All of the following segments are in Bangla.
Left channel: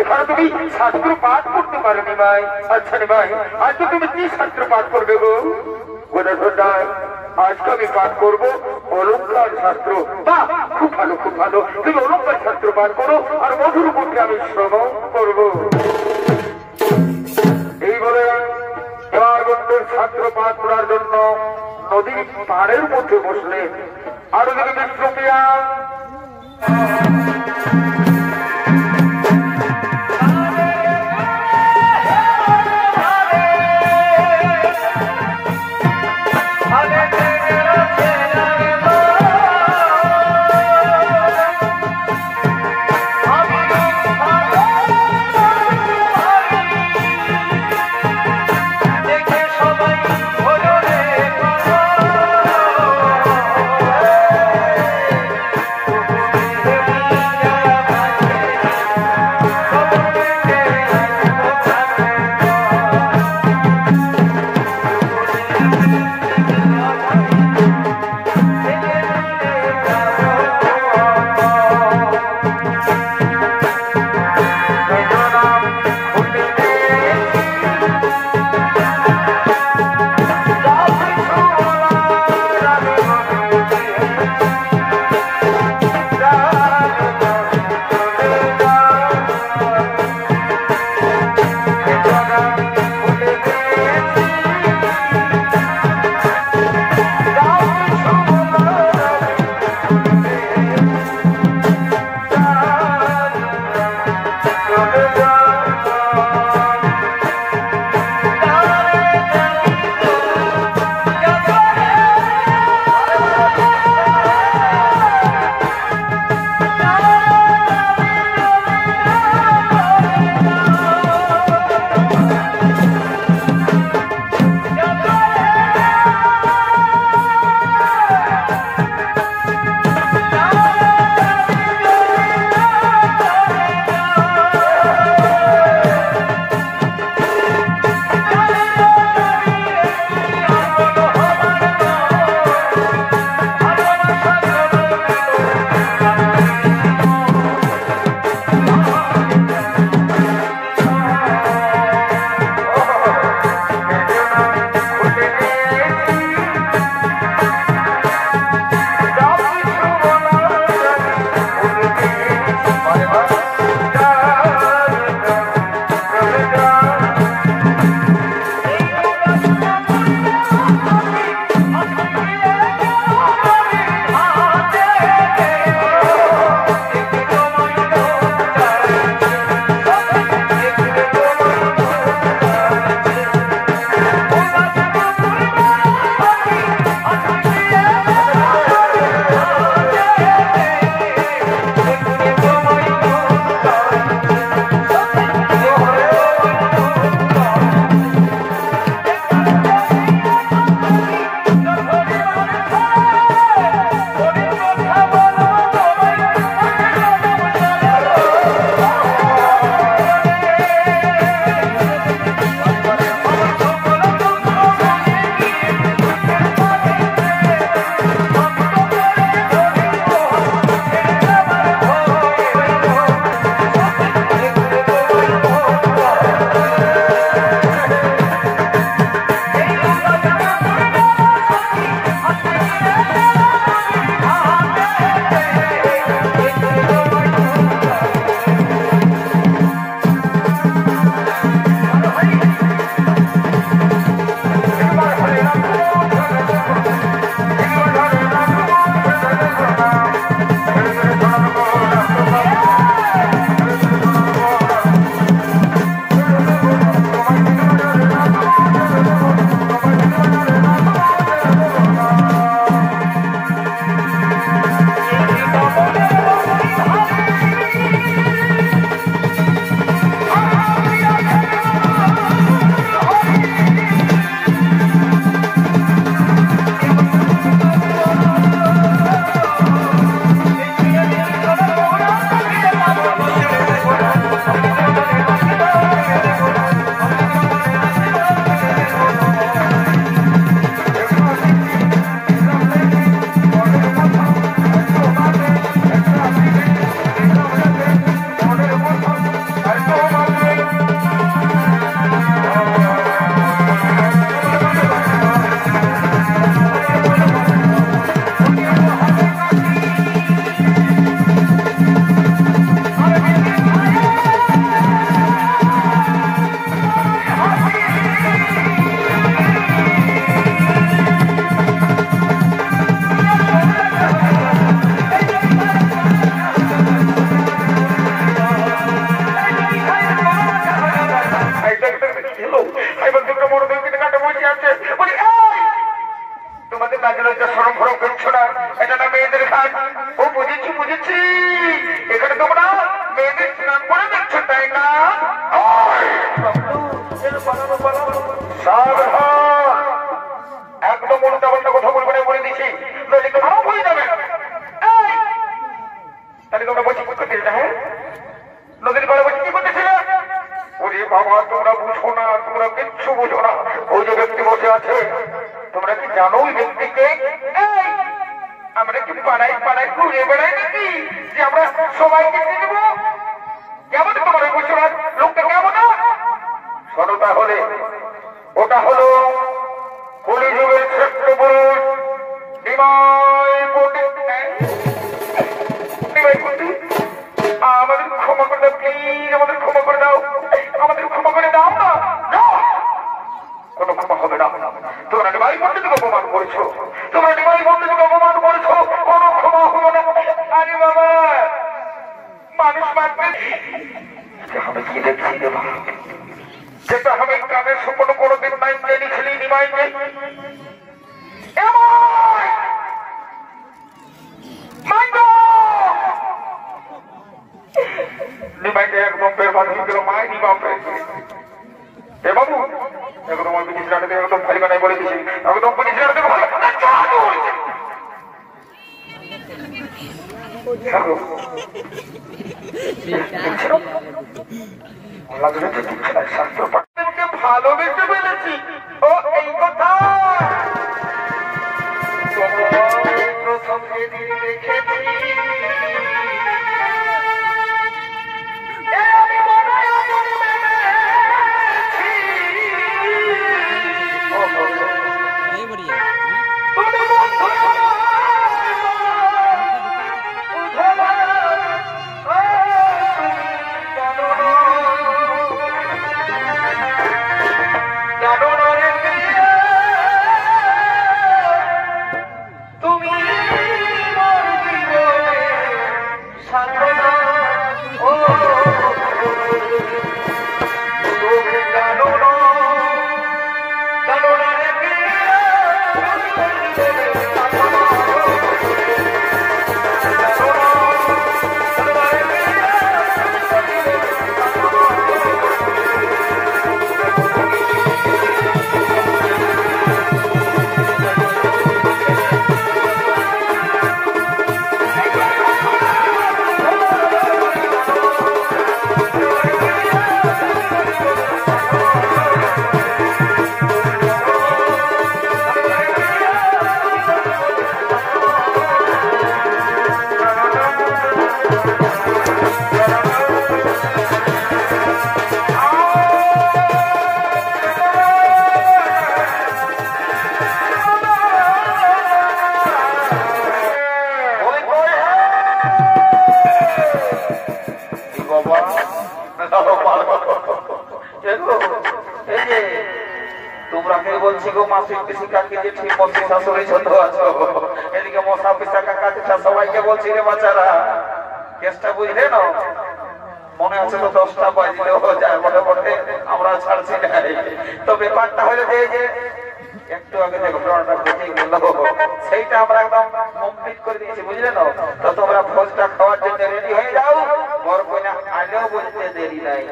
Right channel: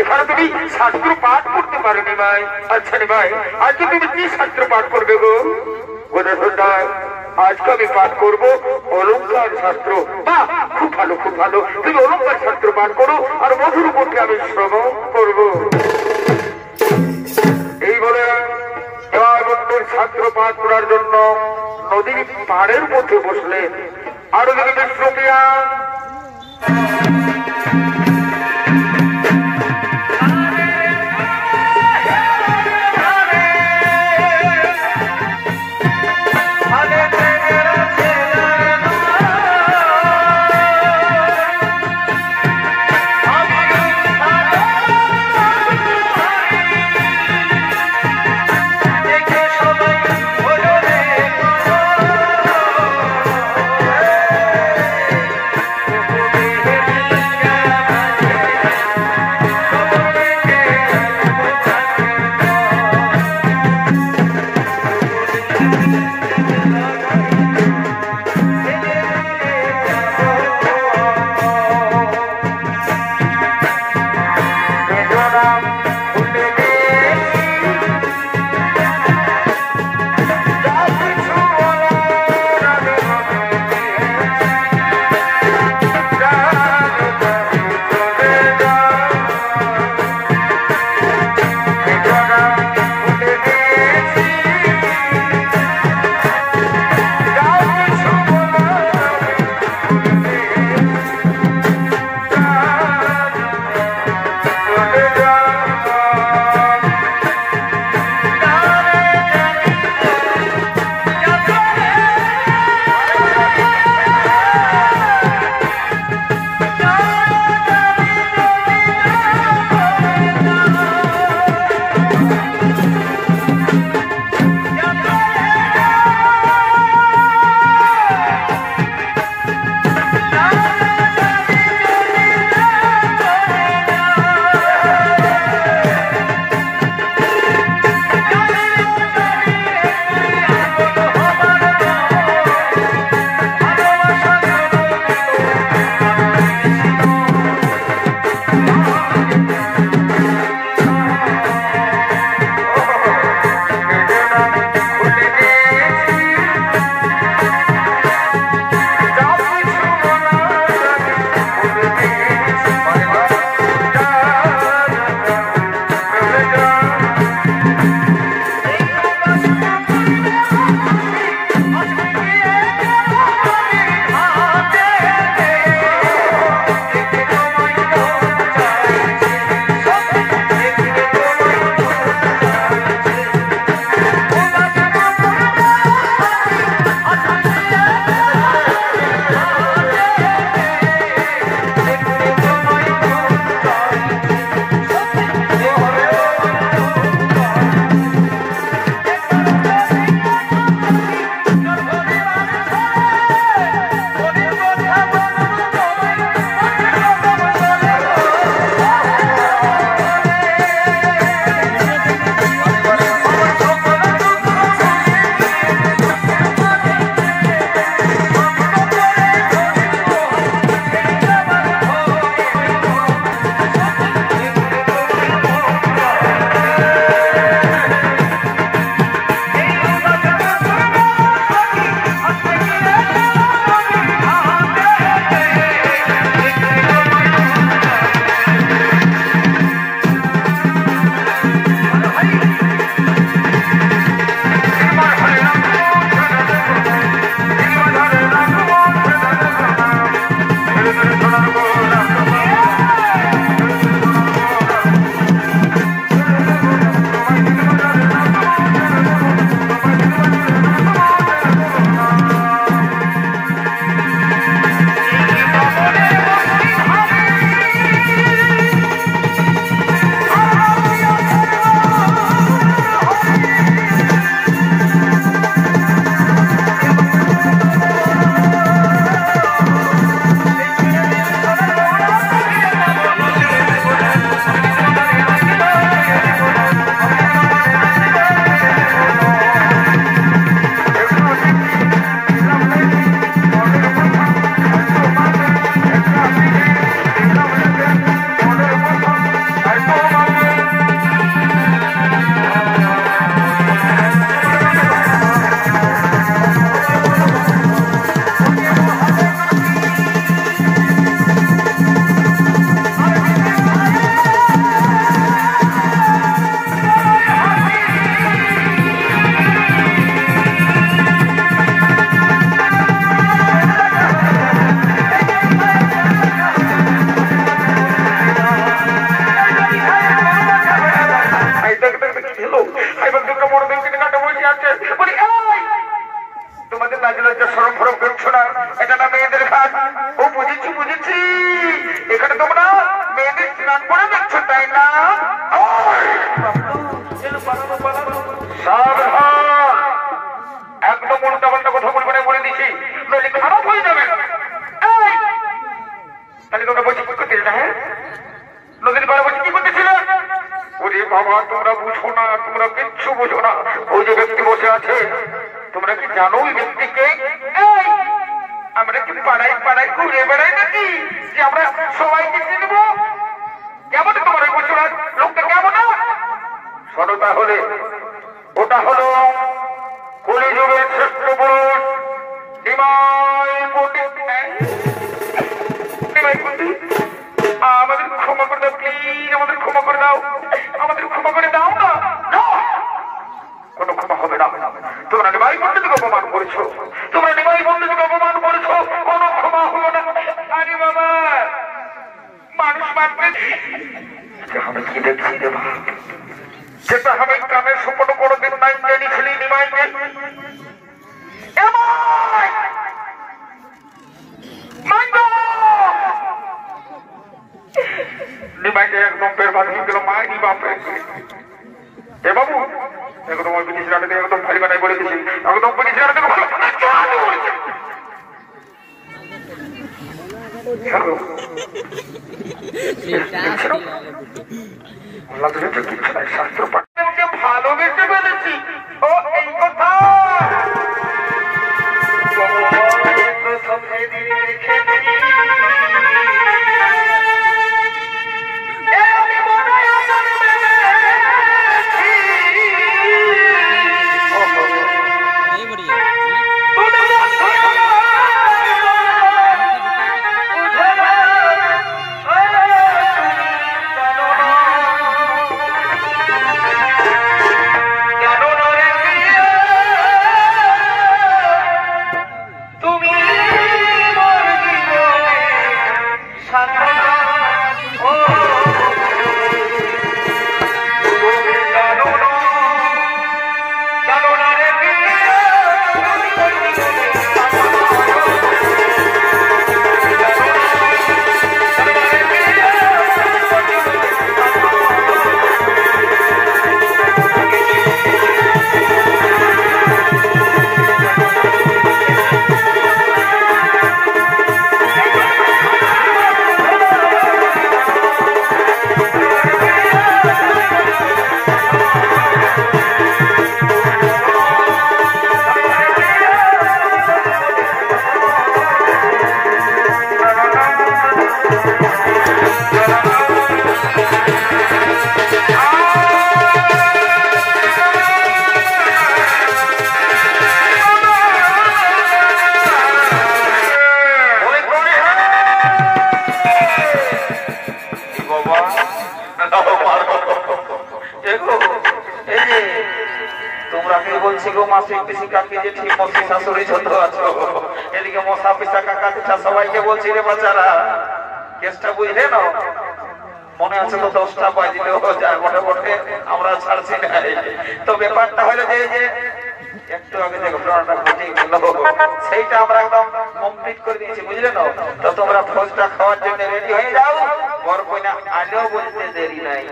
এখানে তুমি শাস্ত্র পাঠ করতে পারো নি ভাই। আচ্ছা রে ভাই, আজকে তুমি কি শাস্ত্র পাঠ করবে গো? গোদাধরদা, আজকে আমি পাঠ করবো অলঙ্কার শাস্ত্র। বাহ, খুব ভালো খুব ভালো, তুমি অলঙ্কার শাস্ত্র পাঠ করো আর মধুর উপরকে আমি শ্রবণ করবো। এই বলে দেওয়ার শাস্ত্র পাঠ করার জন্য নদীর পাড়ের মধ্যে বসলেন। আর ওদিকে বিষ্ণুপ্রিয়া এটা না মেয়েদের ঘাট। ও বুঝেছি বুঝেছি, এখানে তোমরা মেয়েদের স্নান করে দেখছো তাই না? সাবধান, একদম উল্টা পাল্টা কথা বলবে না বলে দিচ্ছি, নইলে খারাপ হয়ে যাবে। তাহলে তোমরা বসে কি করতেছিলে? হ্যাঁ, নদীর পাড়ে বসে কি করতেছিলে? ওরে বাবা, তোমরা বুঝো না, তোমরা কিচ্ছু বুঝো না। ওই যে ব্যক্তি বসে আছে, তোমরা কি জানো ওই ব্যক্তিকে? আমরা কি পাড়ায় পাড়ায় ঘুরে বেড়াই নাকি যে আমরা সবাইকে চিনে নেবো? কেমন তোমার ওই বুঝছো না লোকটা কেমন? শোনো তাহলে, ওটা হলো কলিযুগের শ্রেষ্ঠ পুরুষ নিমাই পণ্ডিত। আমাদের ক্ষমা করে দাও প্লিজ, আমাদের ক্ষমা করে দাও, আমাদের ক্ষমা করে দাও না। কোনো ক্ষমা হবে না। তোমরা নিমাই পণ্ডিতকে অপমান করেছো, তোমরা নিমাই পণ্ডিতকে অপমান করেছো, কোনো ক্ষমা হলো না। আরে বাবা, মানুষ মারবে আমি কি দেখছি দেবা, যেটা আমি কানের সুপন কোনোদিন নাই জেনেছিলি নিমাইকে। নিমাইকে একদম বের বাঁধিয়ে গেল মায়েরই বাপে। এ বাবু, একদম ওই ব্রিটিশ রাখাতে একদম ভাই বানাই বলে দিচ্ছি, একদম ব্রিটিশ রাখাতে ভালোবেসে বলেছি। ও এই কথা প্রথম যেদিন দেখেছি বলছি গো মাসিক পিসি কাকি যে ঠিক মতো শাশুড়ি ছোট আছো, এদিকে মশা পিসা কাকা পিসা সবাইকে বলছি রে বাচ্চারা, কেসটা বুঝলে না? মনে আছে তো 10টা বাজিলে যায় বটে বটে, আমরা ছাড়ছি না। তো ব্যাপারটা হলো যে একটু আগে যে ঘটনাটা ঘটে গেল সেইটা আমরা একদম কমপ্লিট করে দিয়েছি, বুঝলে না? তো তোমরা ভোজটা খাওয়ার জন্য রেডি হয়ে যাও, বর কইনা আলেও বলতে দেরি নাই।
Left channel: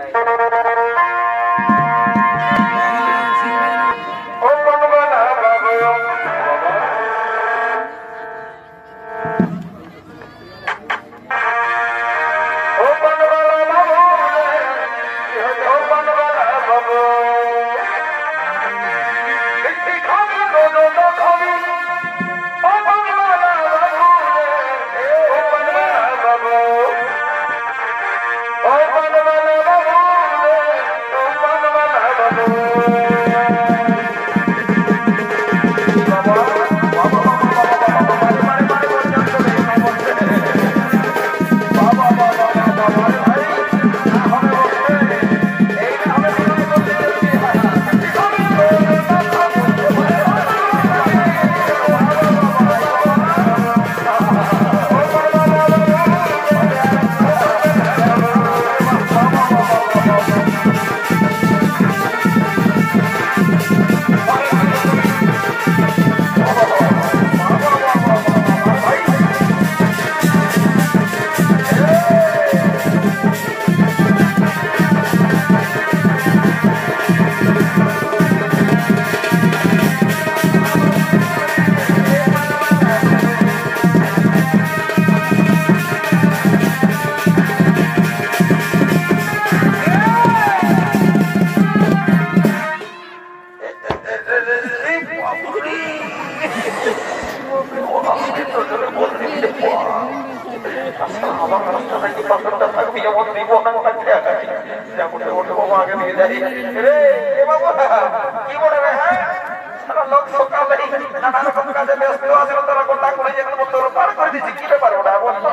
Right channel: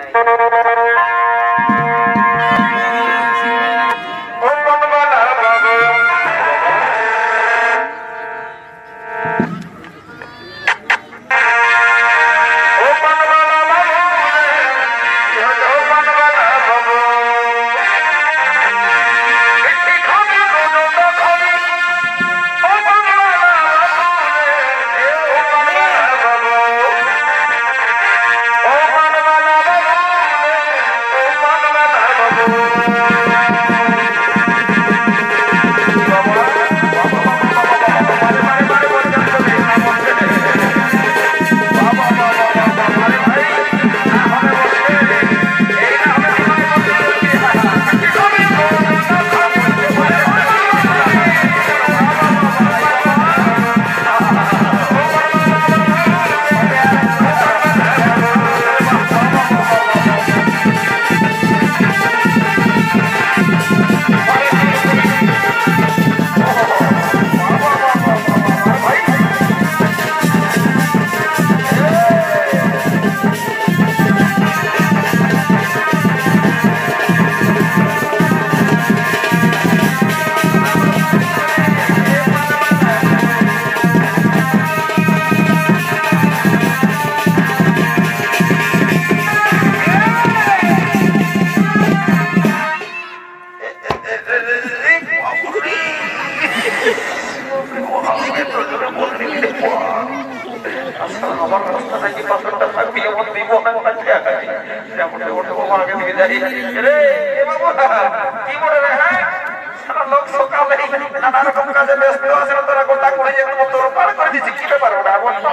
লোক সকালে নানা রকম কাজে ব্যস্ত আছে, তারা গোটা করে যেতে তোর পার করে দিচ্ছি, কি পারবো না বলবো।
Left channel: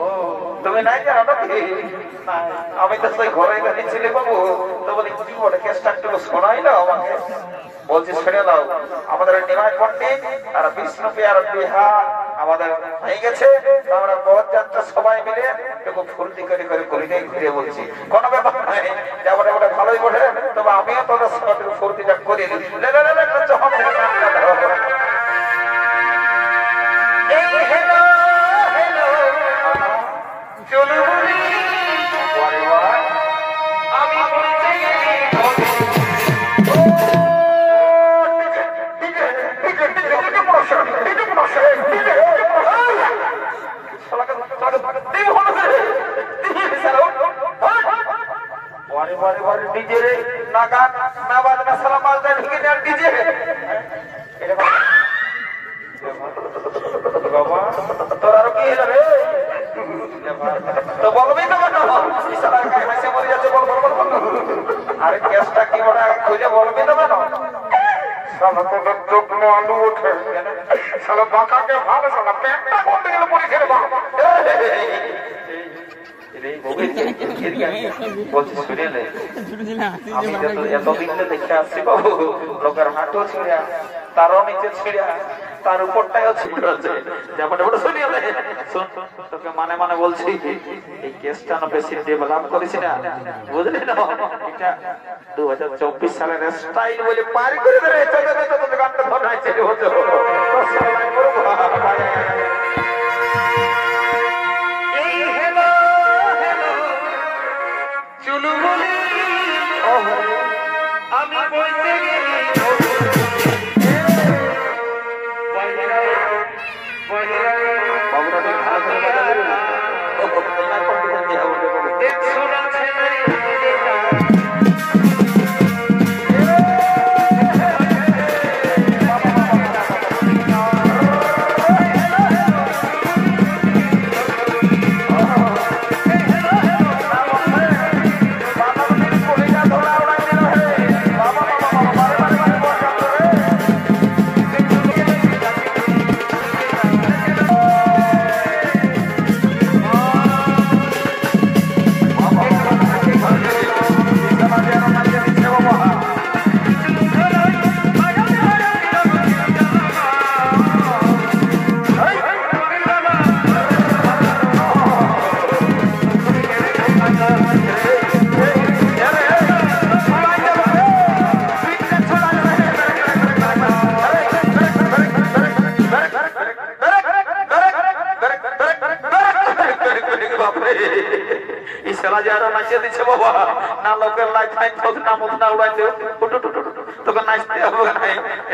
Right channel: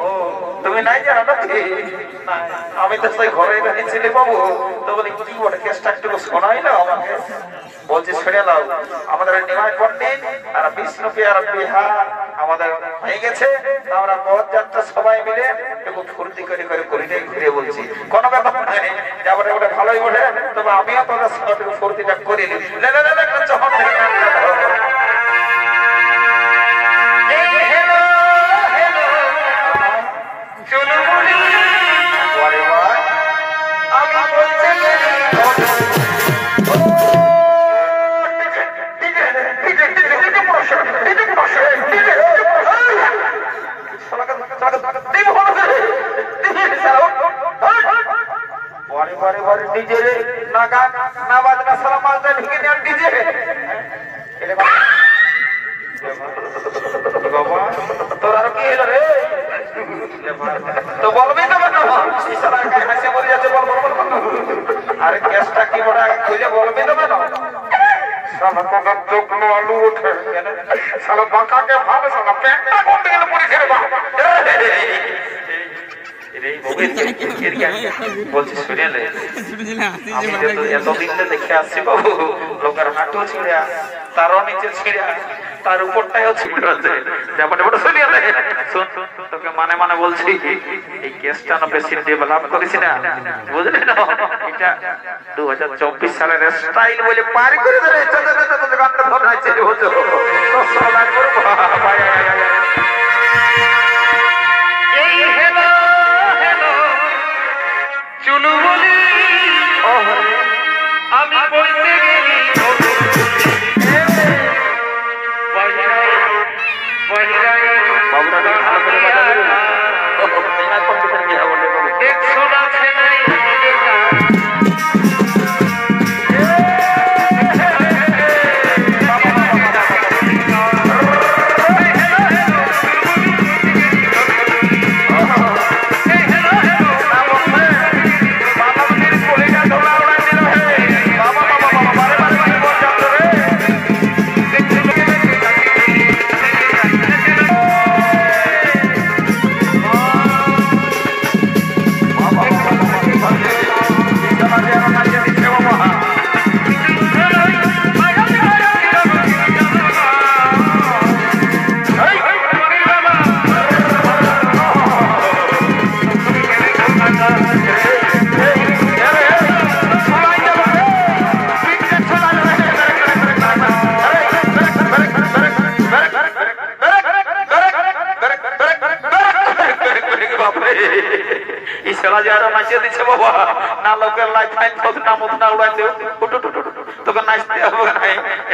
ও তুমি নাই জানো না? আমি তো সেই ঘরে ছিলি বাবু, তো বলি কি বলে কেসটা একটু শোনাই না আমাকে। বলছি শুনে নাও, আমাদের নিমাই পণ্ডিত আর বিষ্ণুপি আর বিহা আমাদের হয়ে গেছে, আমরা পথযাত্রা সবাই মিলে একটু ফুর্তি করে করে করিটাই ঘুরে বলছি, কোনো ব্যাপার নাই, যাবো ওটা ভালোই বলে, তবে আমিও তোদের সঙ্গে একটু ফুর্তিটা করে নিই। ডিজে না গান না বাজনা সারা মালটা ঢুকে দেওয়ার ডিজে তোরা কি হলো রে? তো বলবি তো হাসি মরে যাচ্ছে, বল বল বল। আরে গ্যাসটা কি বড় খুঁজে বলবি তো কেন? আলু ওঠে সালা বাঁকাকে ভালো সালা পেটটা বলতে গেলে পরে ছেড়ে দাও। বলছি শুনে এতদিন দেখে আসছি বাবু, লোকের হাঁটু ছিঁড়া, তারও নিচে ছিঁড়া, তার উপরটাও ছিঁড়া আছে। তোকে মানে মানে বলছি, এই কেসটা না বেশি ডেভেলপ করেছি না, বুঝলি না? এটা 2024 সালের স্টাইল বলে পারি করে দেবে। চলু বলি আমি বলতে গেলি বাবুরা ভালো করে বাজাবে।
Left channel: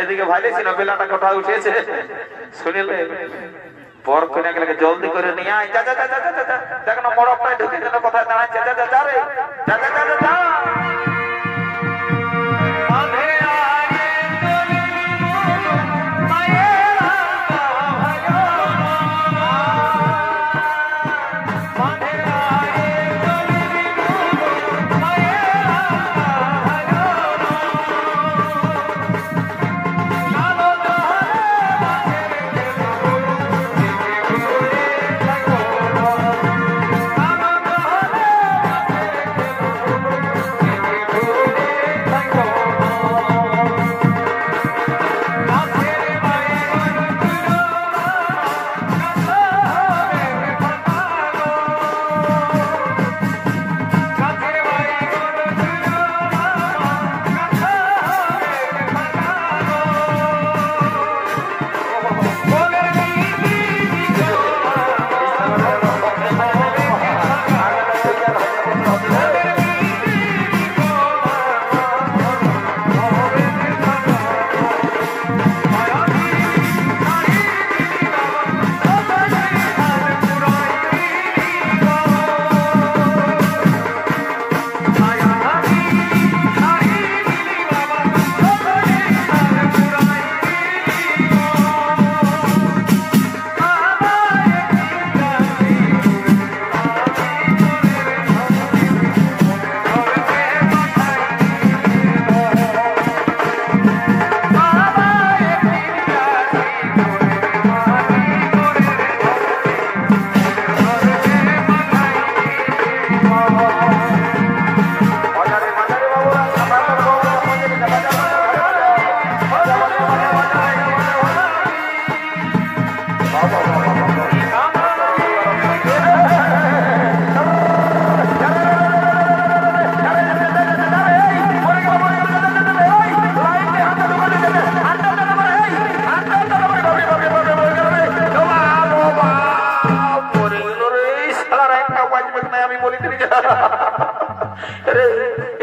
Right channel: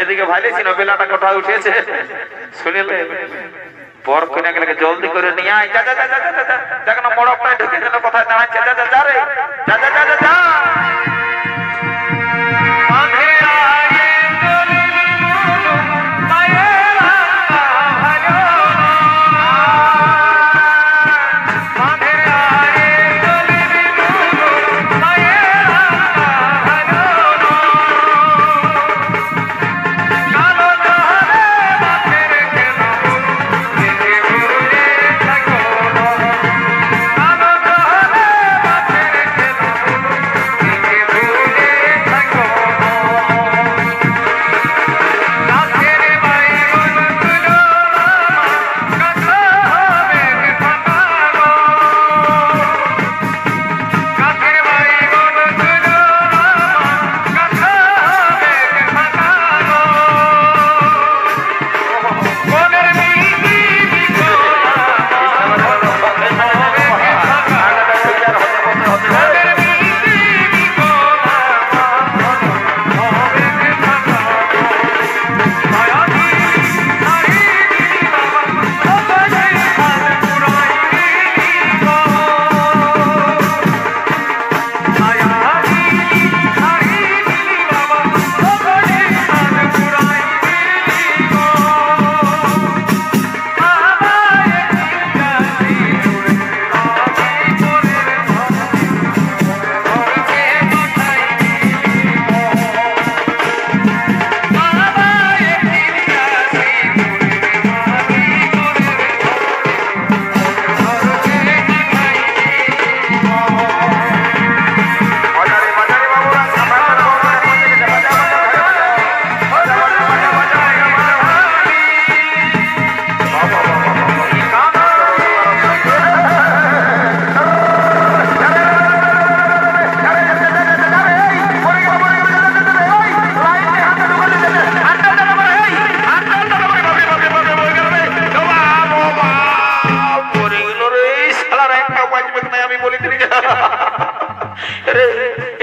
এদিকে ভালো ছিল, বেলাটা কোথা উঠেছে শুনিলে বর কিনে গেলে জলদি করে নিয়ে আয়। দেখ না মড়কটাই ঢুকে যেন কোথায় দাঁড়াচ্ছে। যা রে, যা যা যা যা।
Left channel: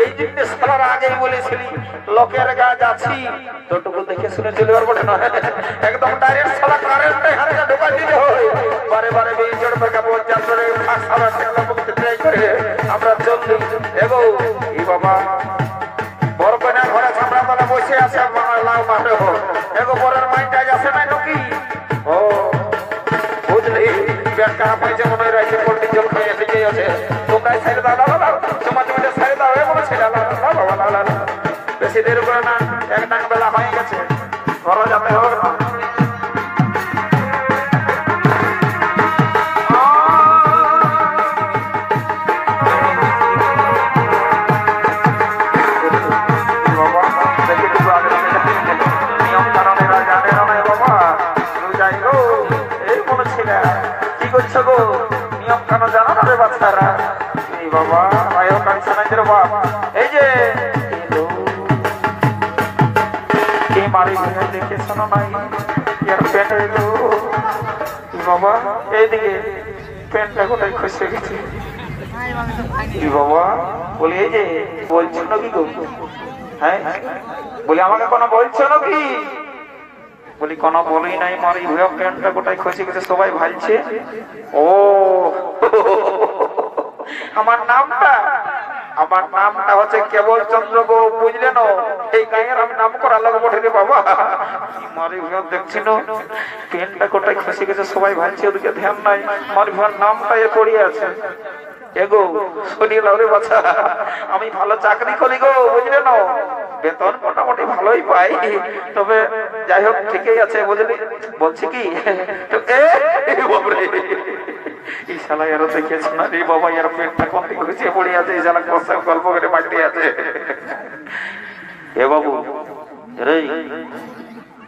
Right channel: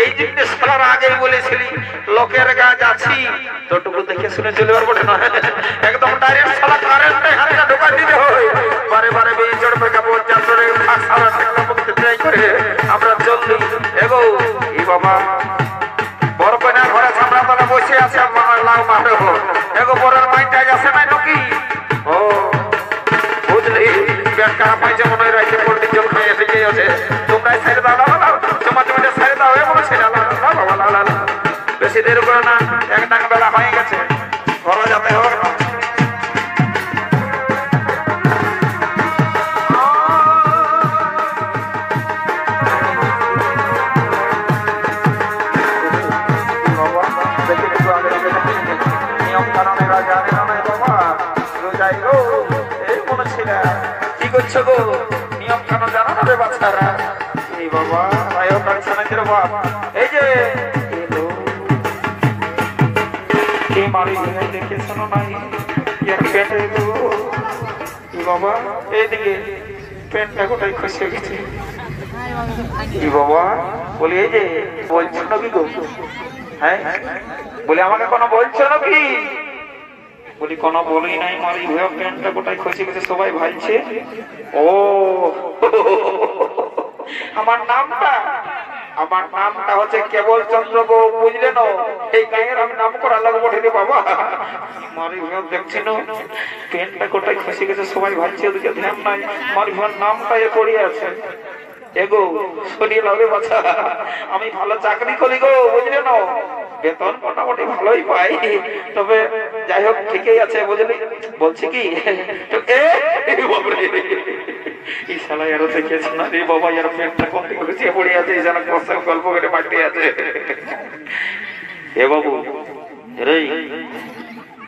এই জিনিস সালার আগে বলেছিলি লোকের গাছ আছি তোটুকু দেখে শুনে চলিবার বটে না একদম ডাইরেক্ট সালা কারেন্ট হাতে ঢোকা দিতে হয় বারে বারে বেজড় বেকা পঞ্চাশ করে সালা ঠেকলা মুক্তি ট্রাই করে আমরা চললি এগো এই বাবা বড় কন্যার ঘরে ছামড়া তলা বসে আছে লাউ মাঠে এগো বড়ের মাইন্ড আজ আসে নাই নাকি ও বুঝলি পেট খারাপ হয়েছে মনে হয় রাইতে পোল্ট্রি জল খাই এসে গিয়ে আছে তোমরাই ছেড়ে দাও লাও তোমার জমিতে ছেড়ে দাও এ বলে ছেড়ে লাও বাবা লাও বেশি দেরি করে না এক টাকা বেলা হয়ে গেছে ঘরে যেতে হবে না নিয়ম কেন জানো না রে বাচ্চারা এই বাবা মায়ের কাছে না রে বাপ এই যে এই মারি ঘুরে দেখে শোনো নাই ইয়ার পেটে গো বাবা এইদিকে পেটটা কোথায় খুশি গেছে কি বাবা বলি এই যে বলছো নাকি গো হ্যাঁ বলি আমাকে কোনো বলছো নাকি বলি কোনো বলি নাই মারি ভুয়া প্যান্টটা কোথায় খসে গেছে সবাই ভাইছে ও আমার নামটা হচ্ছে কেবল চন্দ্র গো বুঝলে না এই গায়ের আমি নাম করা লাগবো রে বাবা মারি ভুয়া দেখছি না প্যান্টটা কোথায় খসে গেছে সবাই ভাইছে ওদিকে ধ্যান নাই মারি ভুয়ার নামটা এ পড়ে আছে এগো শুনিয়ে লাউরে বাচ্চা আমি ভালো চাকরি করি গো বুঝলে না বেতন মোটামুটি ভালোই পাই তবে যাই হোক ঠিকই আছে বুঝলি বলছি কি এই শালা এরও দেখেছি না রে বাবা এর পেটটা কোন দিকে ঘুষিয়ে পড়ে আছে এই শালা কষ্ট গল্প করে মাটি আছে এ বাবু রে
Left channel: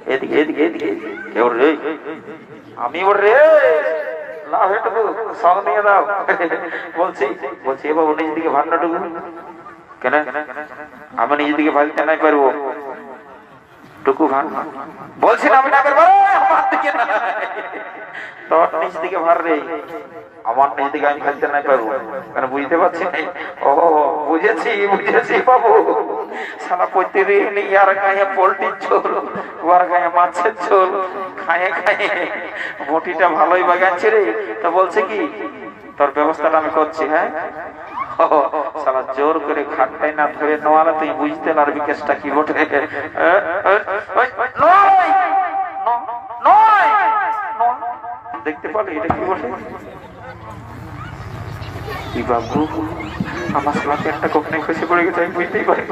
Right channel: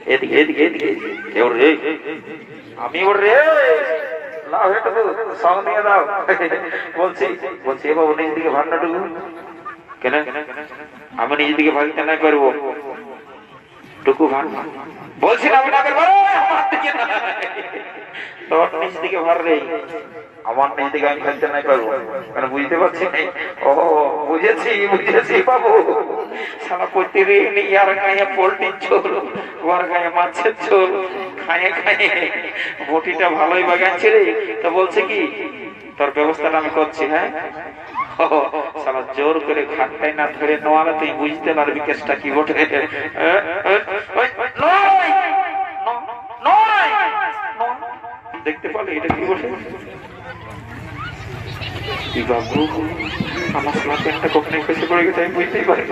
এদিকে এদিকে এদিকে এবার রে আমি ওর রে লাভ হেঁটে সঙ্গ নিয়ে দাও বলছি এ বাবু নিজ দিকে ভান্ডাটুকু কেন আমি নিজে দিকে ভাগিতে নাই পারবো টুকু ভাগ বলছি না আমি না করবো তোর নিজ দিকে ভার রে আমার নিজ দিকে আমি ভাগতে নাই পারবো কেন বুঝতে পারছি ও বুঝেছি বাবু সালা প্রতিদিন ইয়ার গায়ে পোল্ট্রির ঝোল ওর গায়ে মাছের ঝোল খায়ে বটিটা ভালোই বাগাচ্ছে রে তো বলছে কি তোর ব্যবস্থাটা আমি করছি হ্যাঁ সালা জোর করে খাটটাই না ধরে নোয়ালে তুই বুঝতে পারবি কেসটা কি বটে দেখতে পারলি এটা কি বটে বাবু আমার সালা প্যান্টটা কখনই খসে পড়ে গেছে আমি বুঝতেই পারি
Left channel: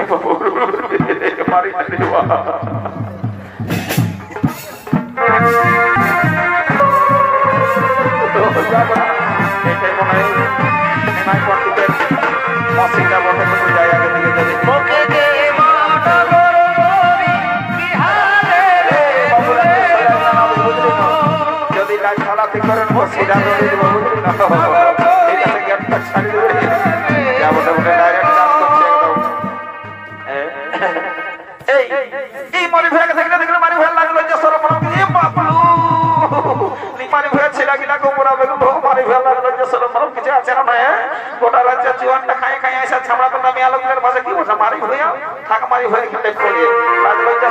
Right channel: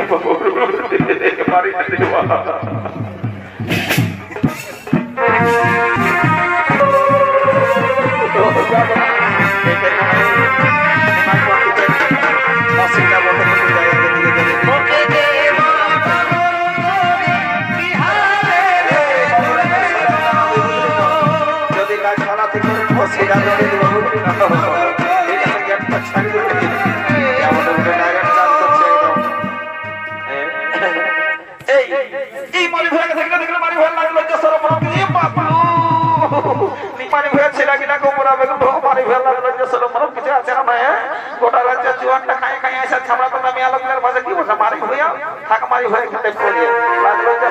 গোটা রাজ্যের জীবনটা খাই আসা ছাড়া তো আমি আলোকের মাঝে কি ওঠা মারি হইয়া থাক মারি হয়ে খেতে করে লাগলো যে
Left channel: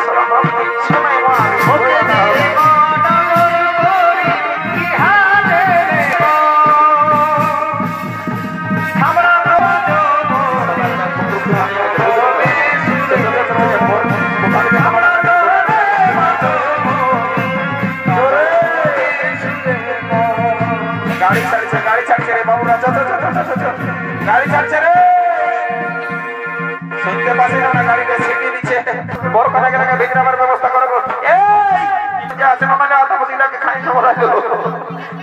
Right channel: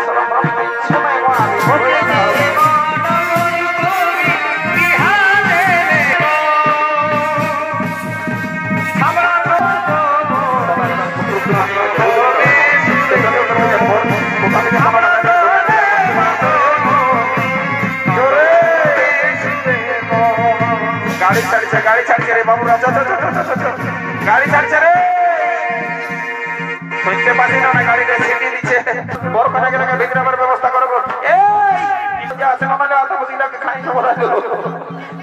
গাড়ি ছাড়ছে রে বাবু গাড়ি ছাড়ছে রে শুনতে পাচ্ছি না গাড়িতে সিটি দিচ্ছে বড় করে ভিতরে ব্যবস্থা করবো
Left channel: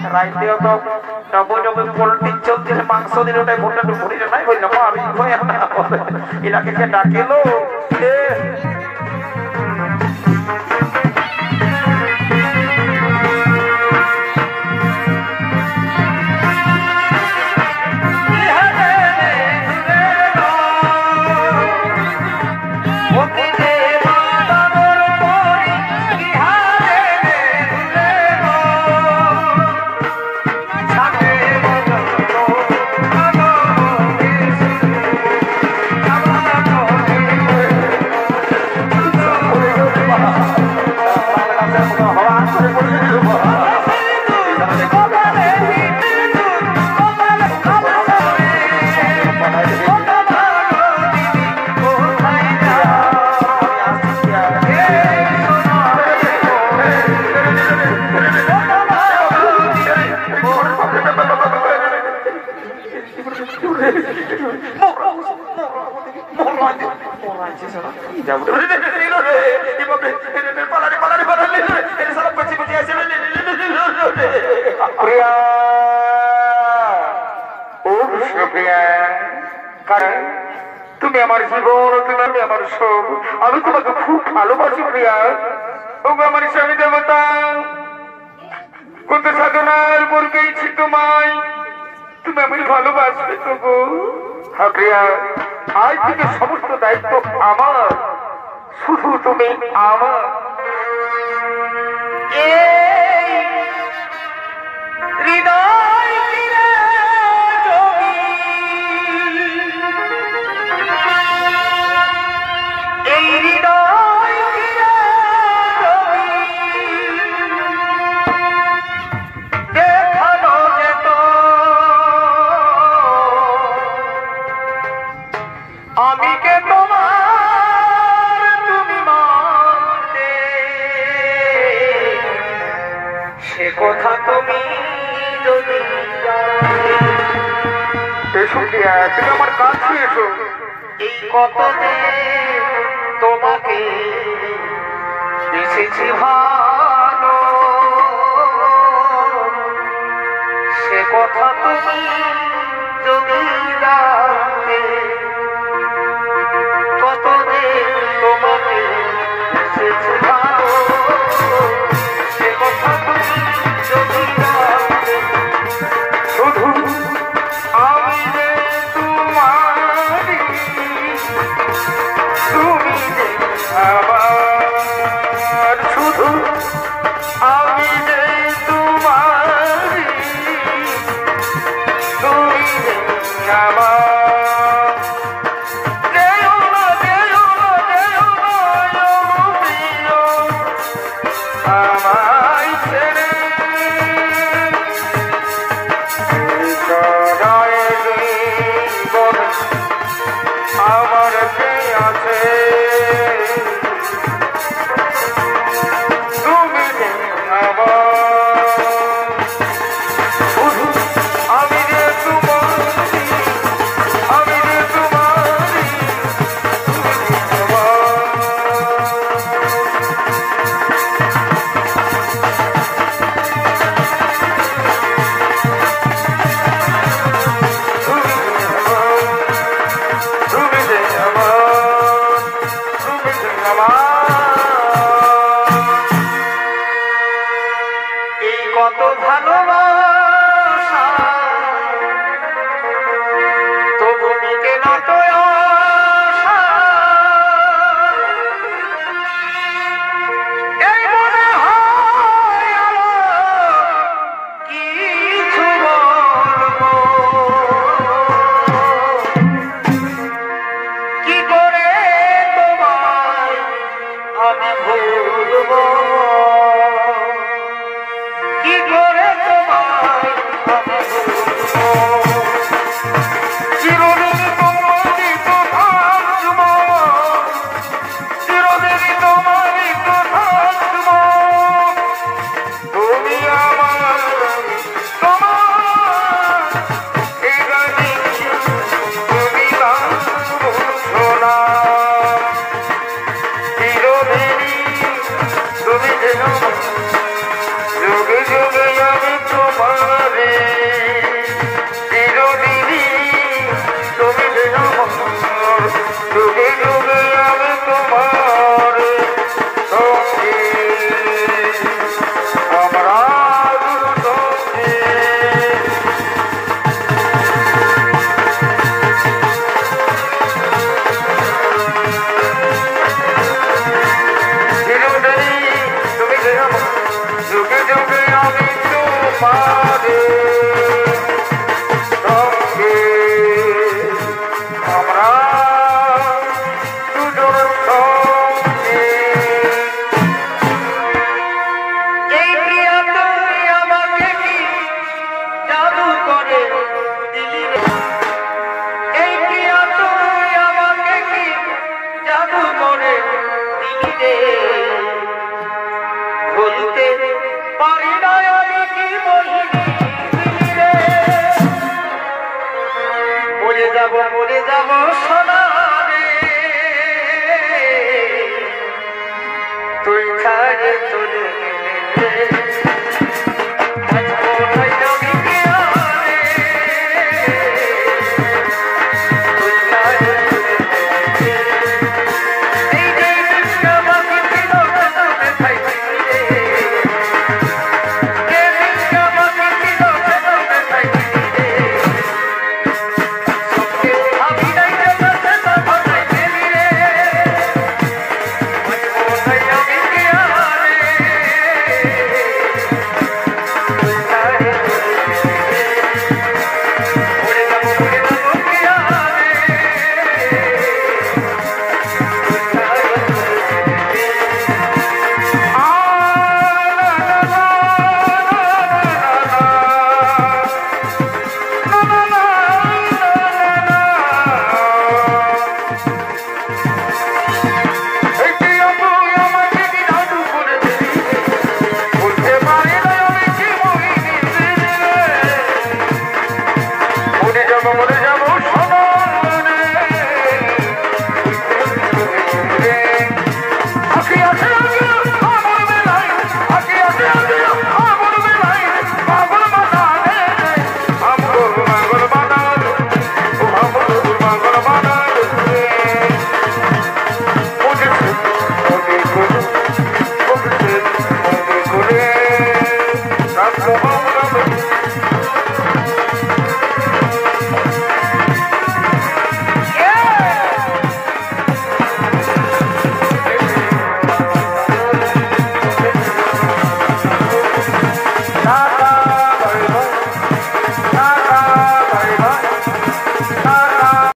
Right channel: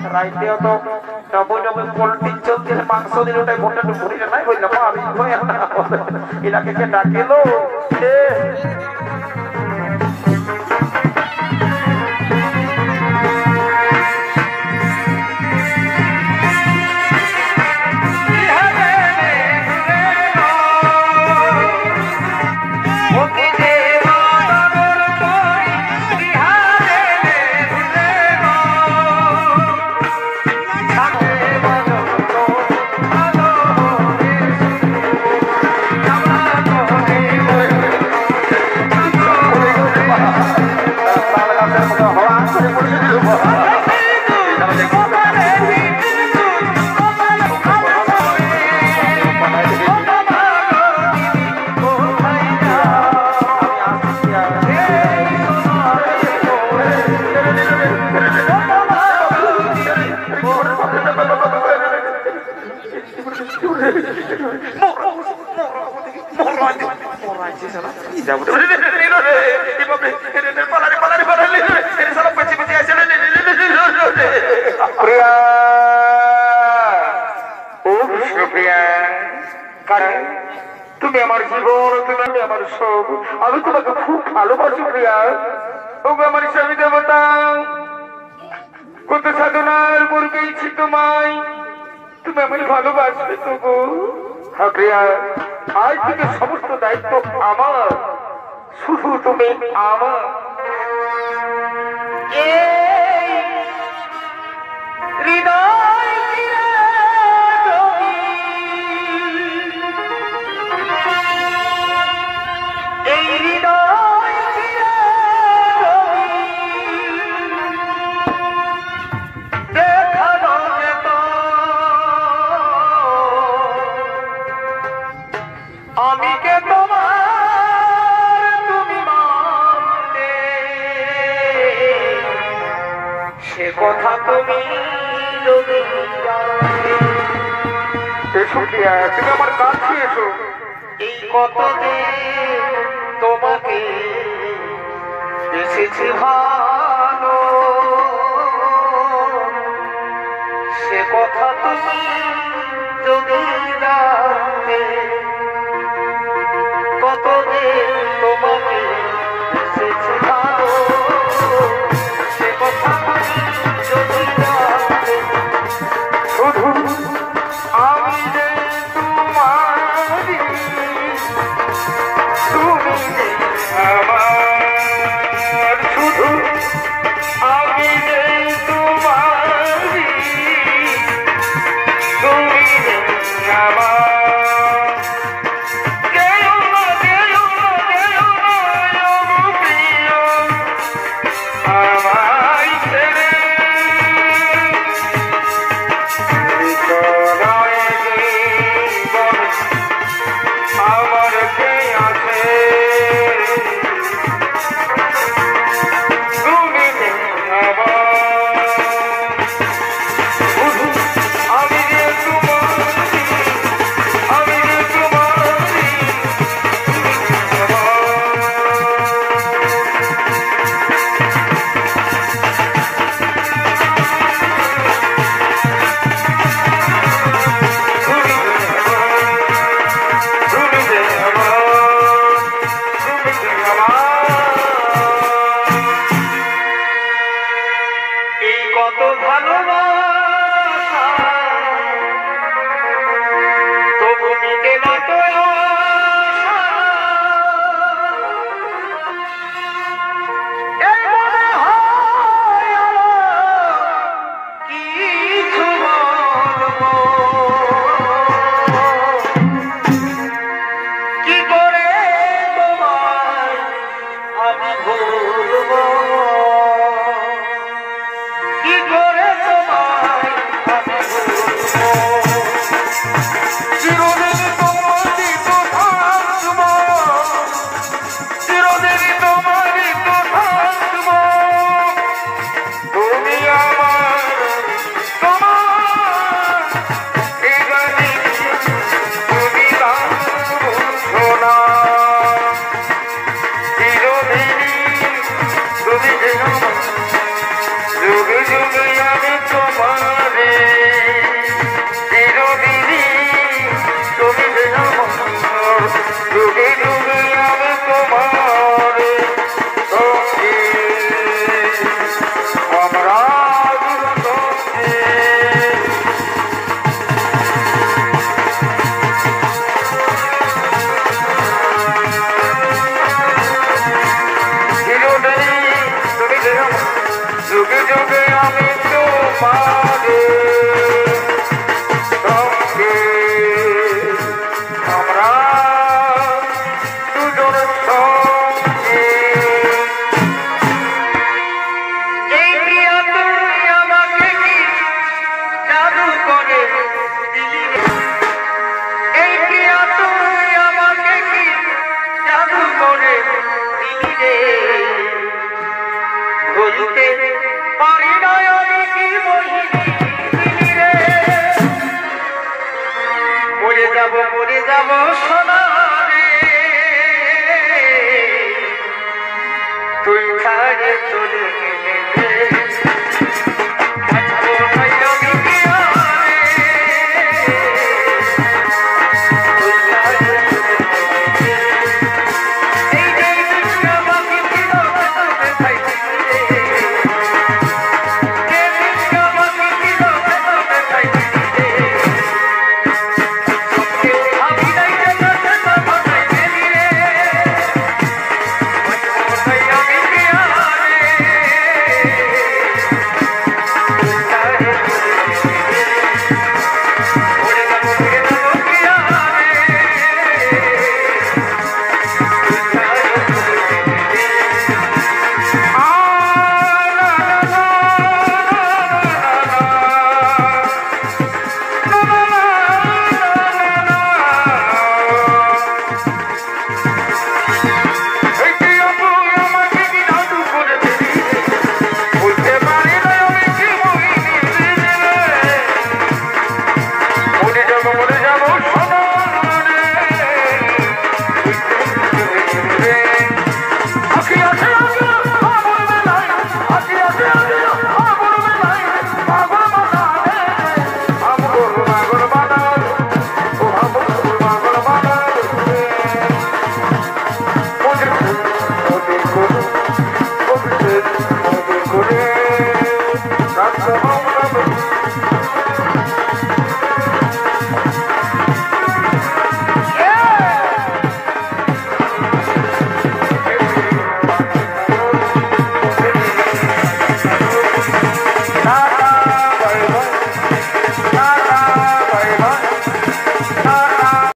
রাইতেও তো পোল্ট্রি চলছে মাংস দিল ওটাই ভোটটা ভরিলে নাই বললাম এটাকে কে ডাকিলো প্রিয়া ও প্রিয়া তুমি আমার জীবন, তুমি আমার সব, আমি তোমাকে খুব ভালোবাসি প্রিয়া। ও আমার স্বামী দেবতা, কত সাধনার পর পেয়েছি তোমায়, তুমি আমি ভালোবাসবে তবু। হ্যাঁ প্রিয়া, আজ থেকে সমস্ত দায়িত্ব আমার, শুধু তুমি আমার। আমি কে তোমার তুমি মানতে, সে কথা তুমি যদি এসো প্রিয়া, তুমি আমার কাছে এসো। এই কথা তোমাকে এসেছি ভালো, সে কথা তুমি যদি জানতে, কত যে তোমাকে এসেছি ভালো, সে কথা তুমি যদি জানতে। শুধু আমি তোমারি, তুমি আমার, শুধু আমি তোমারি, তুমি আমার। কত ভালোবাসা তবু মিটে না তো আশা, এই মনে হয় কিছু বলবো, কি করে তোমায় আমি ভুলবো, যুগে যুগে আমি তোমারে, চিরদিনই তুমি যেন আমার, যুগে যুগে আমি তোমারে সঙ্গে, আমরা যুগে যুগে আমি তোমারে সঙ্গে, আমরা দুজন সঙ্গে। এই প্রিয়া তুমি আমাকে কি জাদু করে দিলে, এই প্রিয়া তুমি আমাকে কি জাদু করে দিলে, ভুলতে পারি না আমি কি বলি রে, বলে যা যাব মরে যাব